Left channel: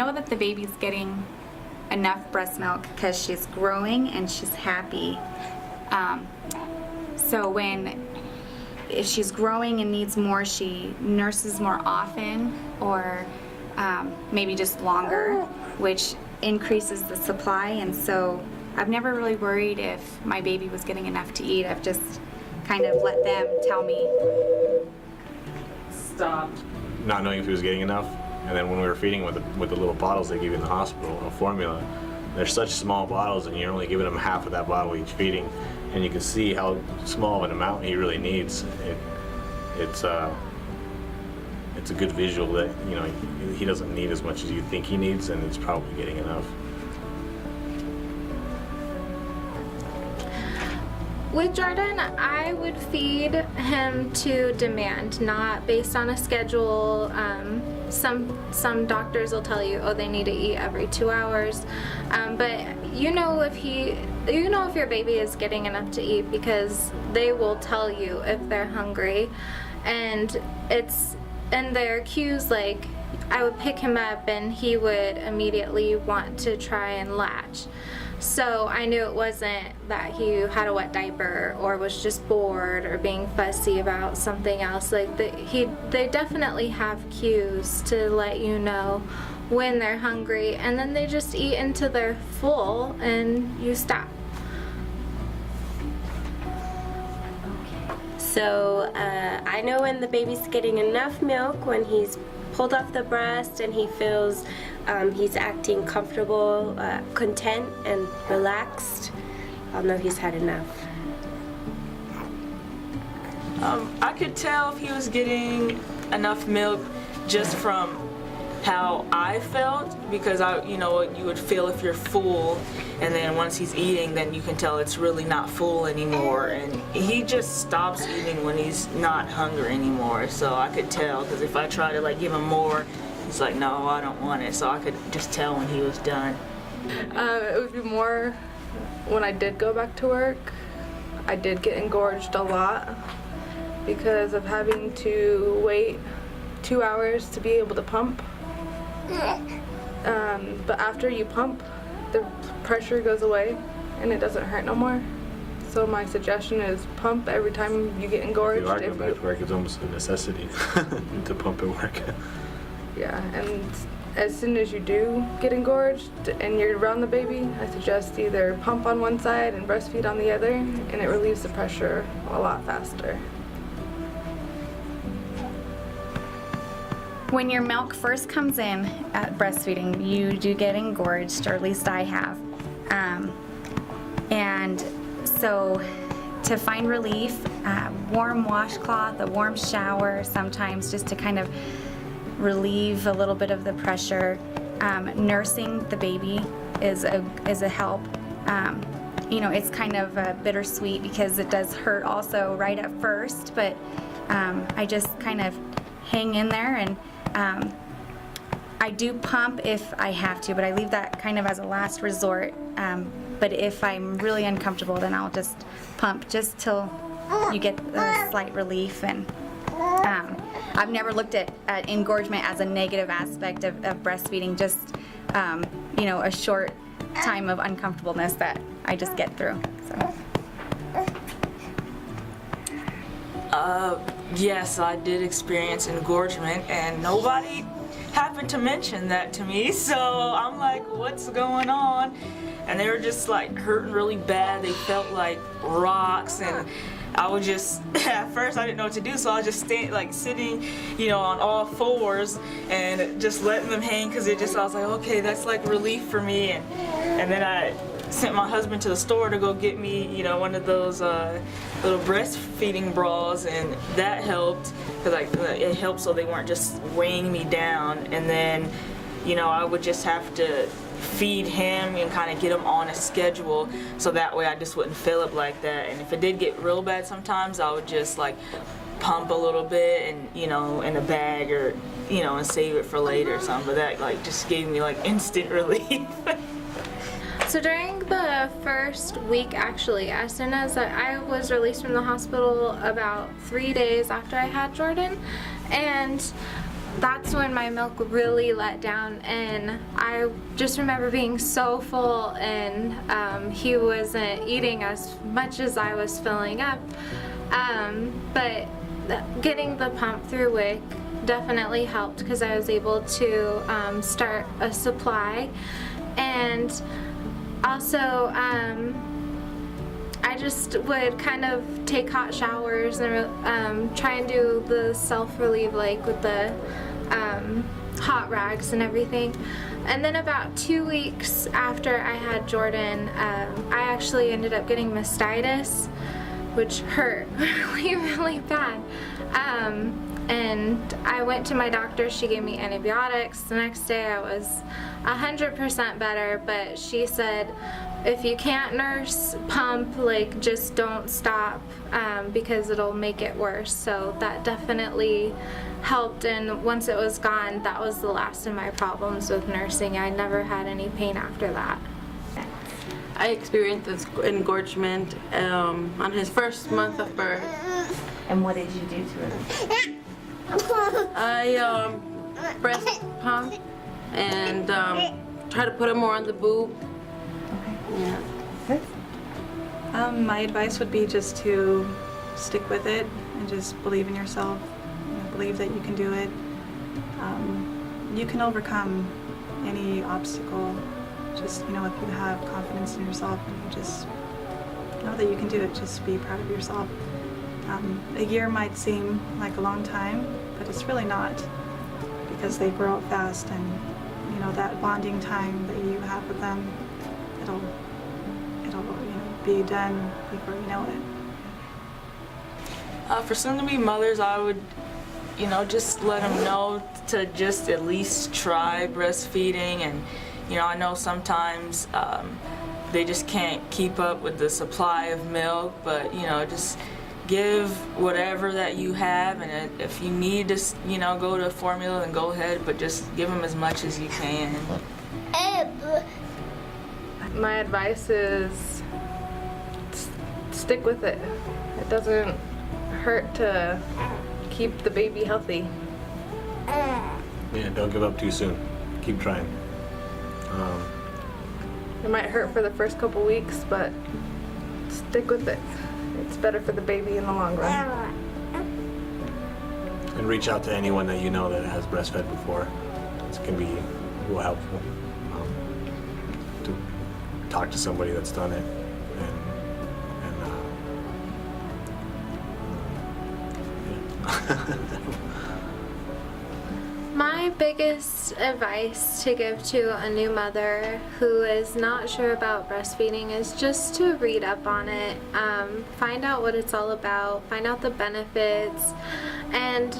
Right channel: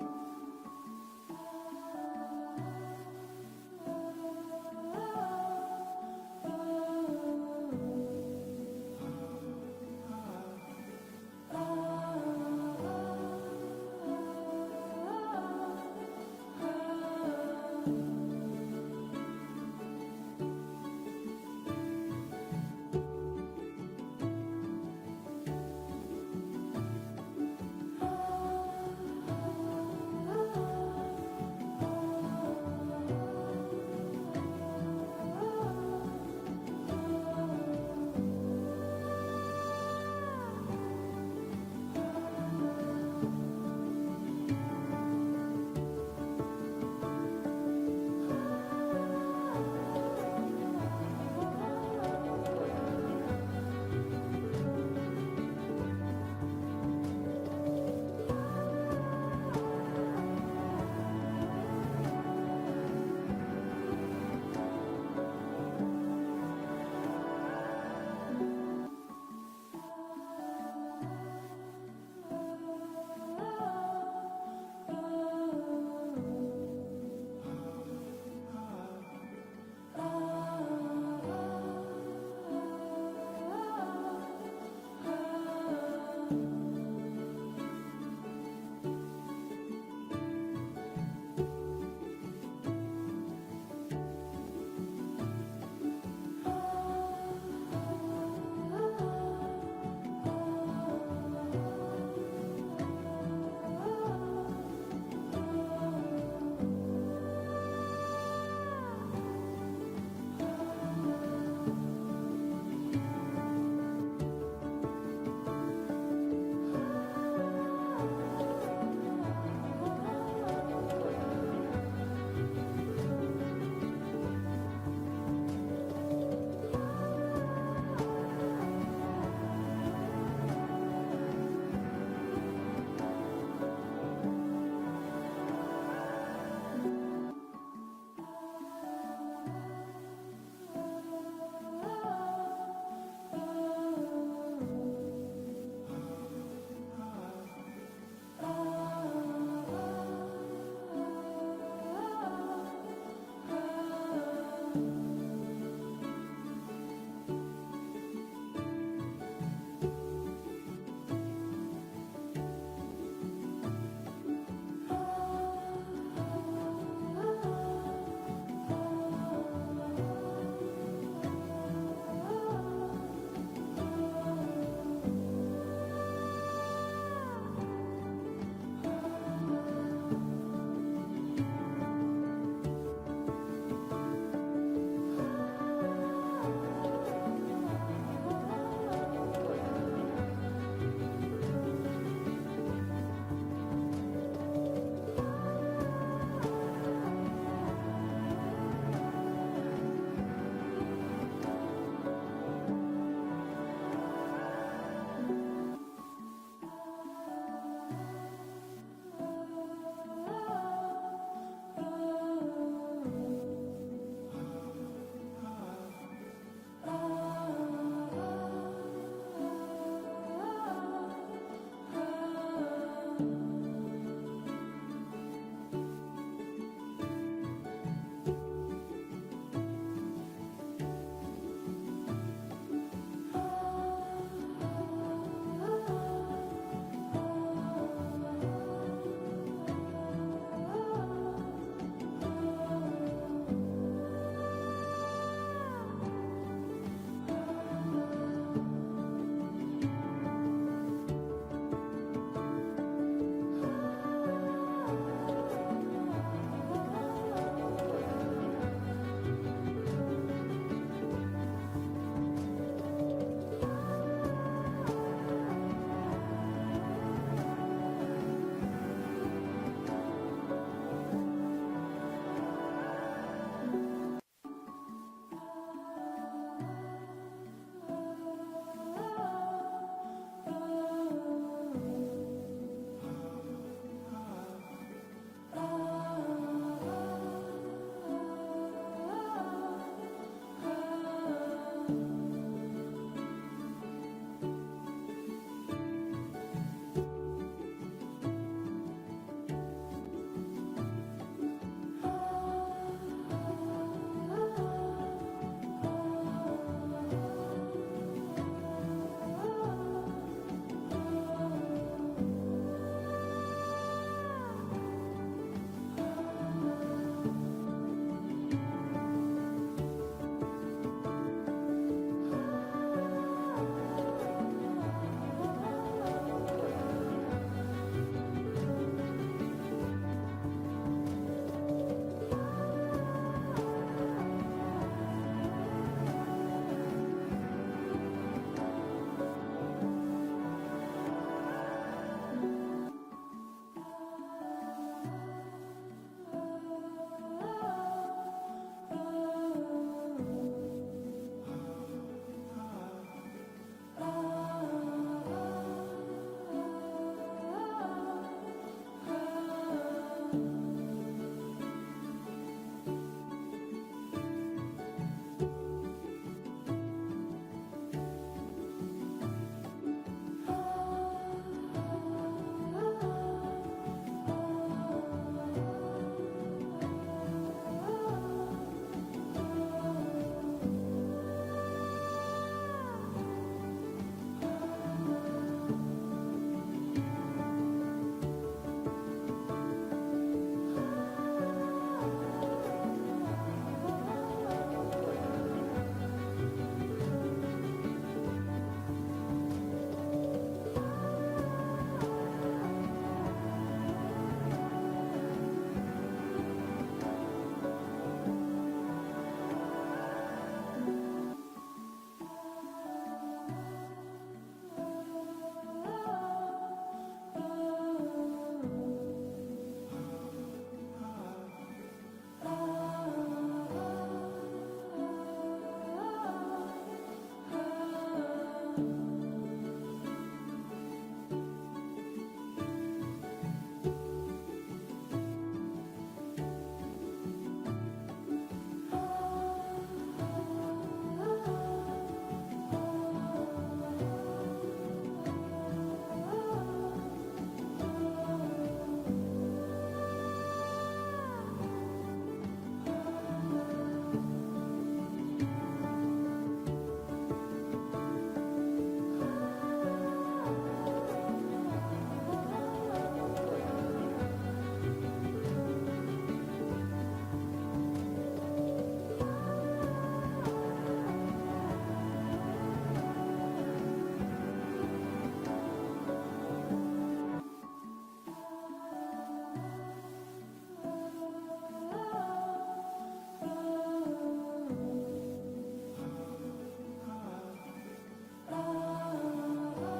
know that the baby's getting enough breast milk because she's growing and she's happy. So if she's growing and needs more, she nurses more often, or maybe just longer, which increases the supply. And so I've never really worried if my baby was getting enough to eat. I've just kind of let them tell me. Stop. Not knowing if he was getting enough. And then when we were feeding with the little bottles they give you in the hospital, a formula, they're such small bottles and you're only giving him half of that bottle each feeding. And you can see how small of an amount he really needs. It's a good visual that, you know, he doesn't need as much as you think he needs, and he's probably getting enough. With Jordan, I would feed him to demand, not based on a schedule. Some doctors will tell you, oh, they need to eat every 2 hours, but you know if your baby is getting enough to eat because they will tell you if they're hungry, and there are cues like I would pick him up and he would immediately want to try and latch. So I knew it wasn't that he had a wet diaper or was just bored or being fussy about something else. Like they definitely have cues to let you know when they're hungry, and then they just eat until they're full and you stop. So I know when the baby's getting enough milk, when he's pulled off the breast and he feels he's acting comfortable, content, and relaxed. I'll know he's had enough. I could tell if he was getting enough milk just from how I felt, because you would feel if you're full, and then once he's eating, then you can tell it's really not full anymore, and he just stops eating when he's not hungry anymore. So I could tell, because if I try to give him more, he's like, no, I don't want it. So I could just tell when he was done. It would be more when I did go back to work. I did get engorged a lot because of having to wait 2 hours to be able to pump. But after you pump, the pressure goes away and it doesn't hurt no more. So my suggestion is pump every time you get engorged. If you back to work, it's almost a necessity to pump at work. Yeah, and as soon as you do get engorged and you're around the baby, I suggest either pump on one side and breastfeed on the other, and it relieves the pressure a lot faster. When your milk first comes in at breastfeeding, you do get engorged, or at least I have. And so to find relief, warm washcloth, a warm shower sometimes, just to kind of relieve a little bit of the pressure. Nursing the baby is a help. It's kind of bittersweet because it does hurt also right at first, but I just kind of hang in there, and I do pump if I have to, but I leave that kind of as a last resort. But if I'm really uncomfortable, then I'll just pump just till you get a slight relief. And I've never looked at engorgement as a negative aspect of breastfeeding, just a short time of uncomfortableness that I just get through. So. Yes, I did experience engorgement, and nobody happened to mention that to me, so I'm like, what's going on? And they were just hurting really bad. They felt like rocks, and I would just, at first I didn't know what to do, so I was just sitting on all fours and just letting them hang, because I was like, okay, that's relief for me. And then I sent my husband to the store to go get me, one of those little breastfeeding bras, and that helped, because it helped so they weren't just weighing me down. And then, I would just have to feed him and kind of get him on a schedule, so that way I just wouldn't fill up like that. And if it did get real bad sometimes, I would just pump a little bit and in a bag, or and save it for later or something. But that just gave me instant relief. So during the first week, actually, as soon as I was released from the hospital about 3 days after I had Jordan, and that's when my milk really let down, and I just remember being so full, and he wasn't eating as much as I was filling up. But getting the pump through WIC definitely helped because I was able to start a supply, and also I just would kind of take hot showers and try and do the self-relieve, like with the hot rags and everything. And then about 2 weeks after I had Jordan, I actually ended up getting mastitis, which hurt really, really bad. And I went to my doctor, she gave me antibiotics. The next day I was 100% better, but she said, if you can't nurse, pump, like just don't stop, because it'll make it worse. So that definitely helped, and once it was gone, that was the last of my problems with nursing. I never had any pain after that. I experienced this engorgement on his first month of birth. And what did you do to her? I breast pump and try to put him more on the boob. My advice would be just to stick with it and just believe in yourself. Believe that you can do it. You can overcome any obstacle. Just, if you have confidence in yourself, just know that you can do it. Just be proud of yourself. A year might seem like a long time, but it's really not, because they grow up fast, and that bonding time that you have with them, it'll be done before you know it. For soon-to-be mothers, I would, just let them know to just at least try breastfeeding. And, I know sometimes they just can't keep up with the supply of milk, but, just give whatever that you have, and if you need to, go to formula, then go ahead, but just give them as much as you can. My advice is stick with it. It doesn't hurt to keep the baby healthy. Yeah, don't give up too soon. Keep trying. It might hurt for the first couple weeks, but stick with it. It's better for the baby in the long run. And reach out to anyone that you know that has breastfed before. Will help to talk to somebody that's done it. My biggest advice to give to a new mother who is not sure about breastfeeding is just to read up on it, find out what it's all about, find out the benefits, and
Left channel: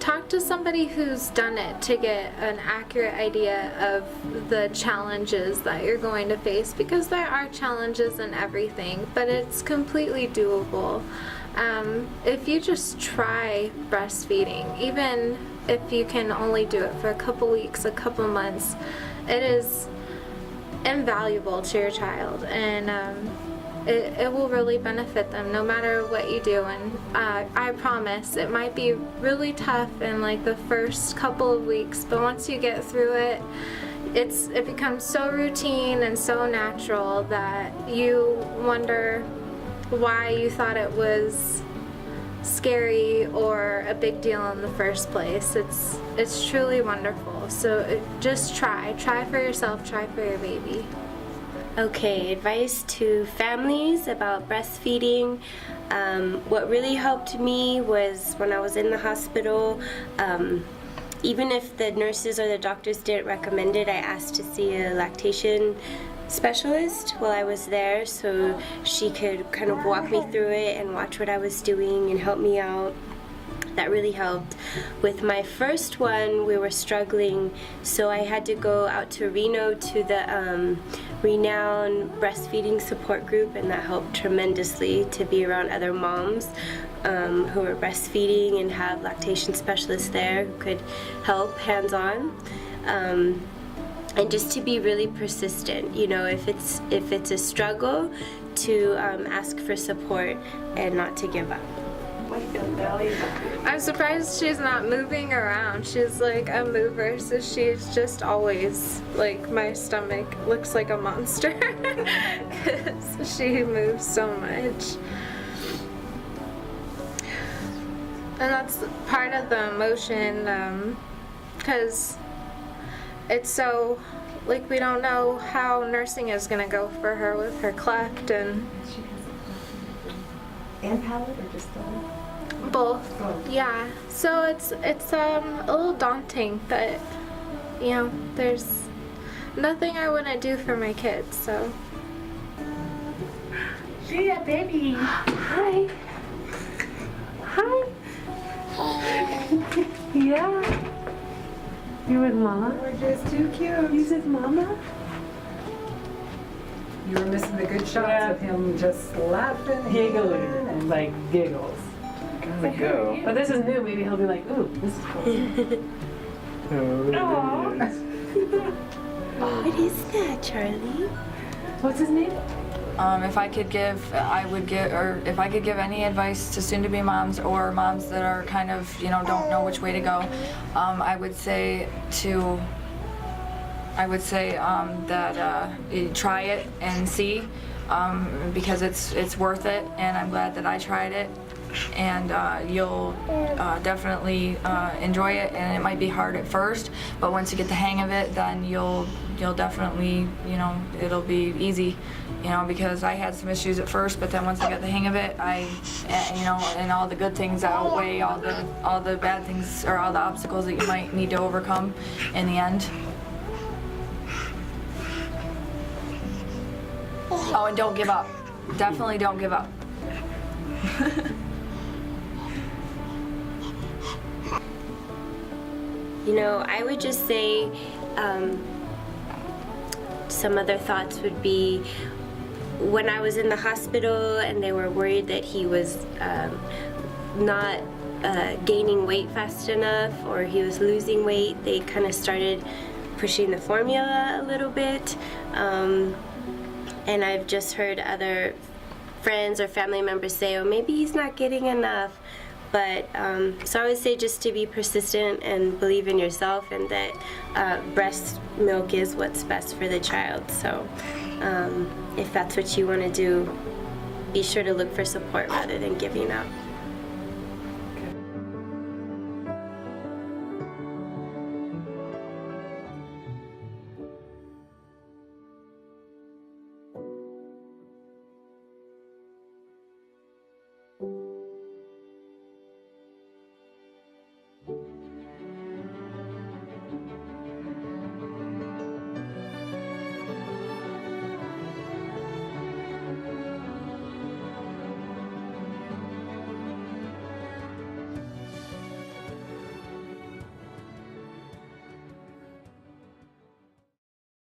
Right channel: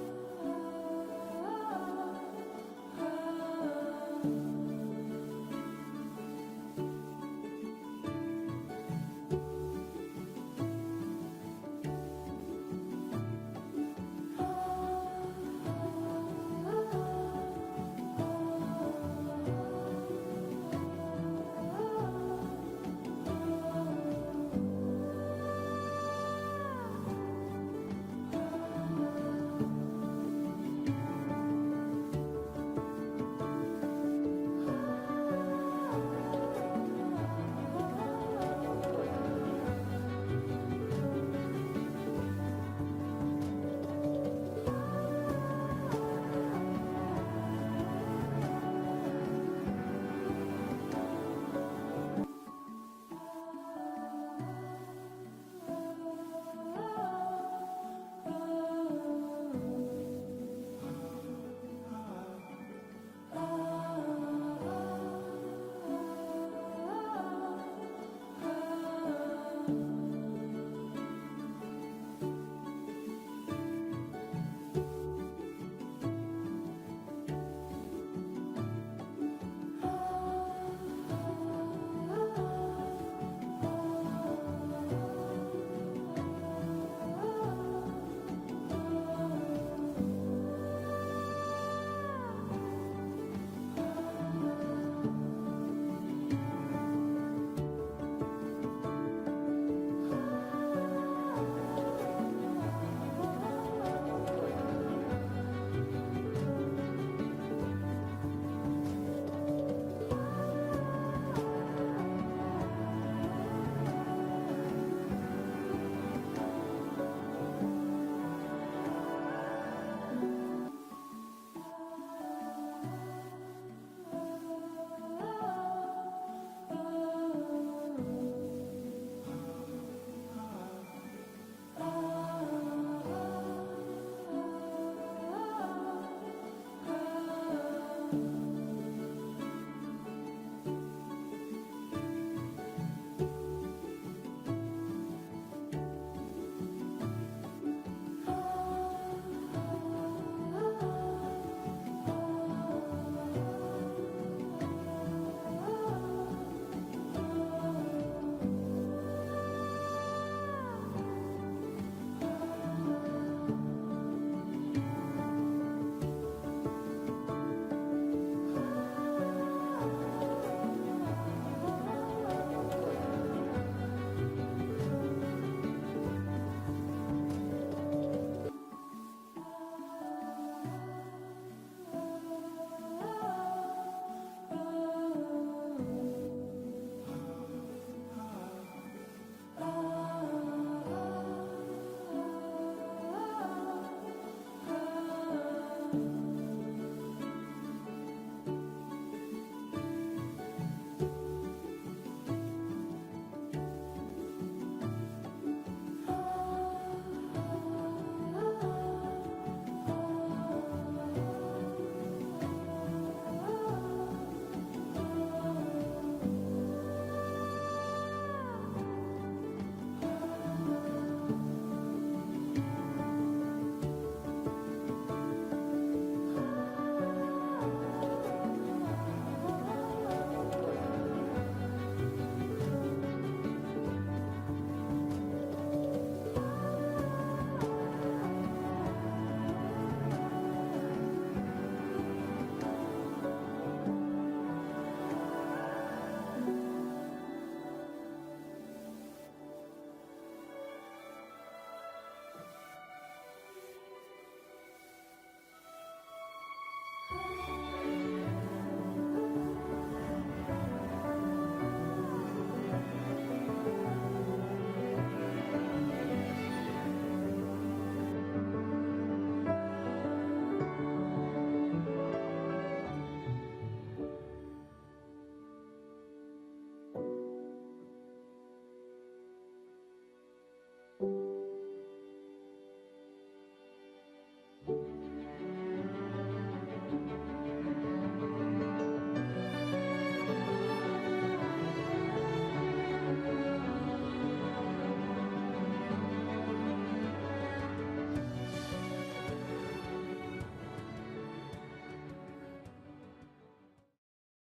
talk to somebody who's done it to get an accurate idea of the challenges that you're going to face, because there are challenges in everything, but it's completely doable. If you just try breastfeeding, even if you can only do it for a couple weeks, a couple months, it is invaluable to your child, and it will really benefit them no matter what you do. And I promise it might be really tough in like the first couple of weeks, but once you get through it, it becomes so routine and so natural that you wonder why you thought it was scary or a big deal in the first place. It's truly wonderful. So just try for yourself, try for your baby. Okay, advice to families about breastfeeding. What really helped me was when I was in the hospital, even if the nurses or the doctors didn't recommend it, I asked to see a lactation specialist while I was there, so she could kind of walk me through it and watch what I was doing and help me out. That really helped. With my first one, we were struggling, so I had to go out to Reno to the renowned breastfeeding support group, and that helped tremendously to be around other moms who were breastfeeding and have lactation specialists there who could help hands-on. And just to be really persistent, if it's a struggle, to ask for support and not to give up. I'm surprised she's not moving around. She's like a mover, so she's just always like, my stomach looks like a monster because she moves so much. And that's part of the emotion, because it's so, like, we don't know how nursing is gonna go for her with her cleft and And palate or just the both. Yeah. So it's a little daunting, but you know, there's nothing I wouldn't do for my kids. So. Yeah, baby. Hi. Hi. Yeah. You with Mama? We're just too cute. You with Mama? You were missing the good shots of him just laughing, giggling, and like giggles. Gotta go. But this is new. Maybe he'll be like, ooh, this is cool. What is that, Charlie? What's his name? If I could give any advice to soon-to-be moms or moms that are kind of, don't know which way to go, I would say that you try it and see, because it's worth it, and I'm glad that I tried it, and you'll definitely enjoy it, and it might be hard at first, but once you get the hang of it, then you'll definitely, it'll be easy, because I had some issues at first, but then once I got the hang of it, and all the good things outweigh all the bad things or all the obstacles that you might need to overcome in the end. Oh, and don't give up. Definitely don't give up. I would just say some other thoughts would be, when I was in the hospital and they were worried that he was not gaining weight fast enough, or he was losing weight, they kind of started pushing the formula a little bit. And I've just heard other friends or family members say, oh, maybe he's not getting enough. But so I would say just to be persistent and believe in yourself, and that breast milk is what's best for the child. So if that's what you want to do, be sure to look for support rather than giving up.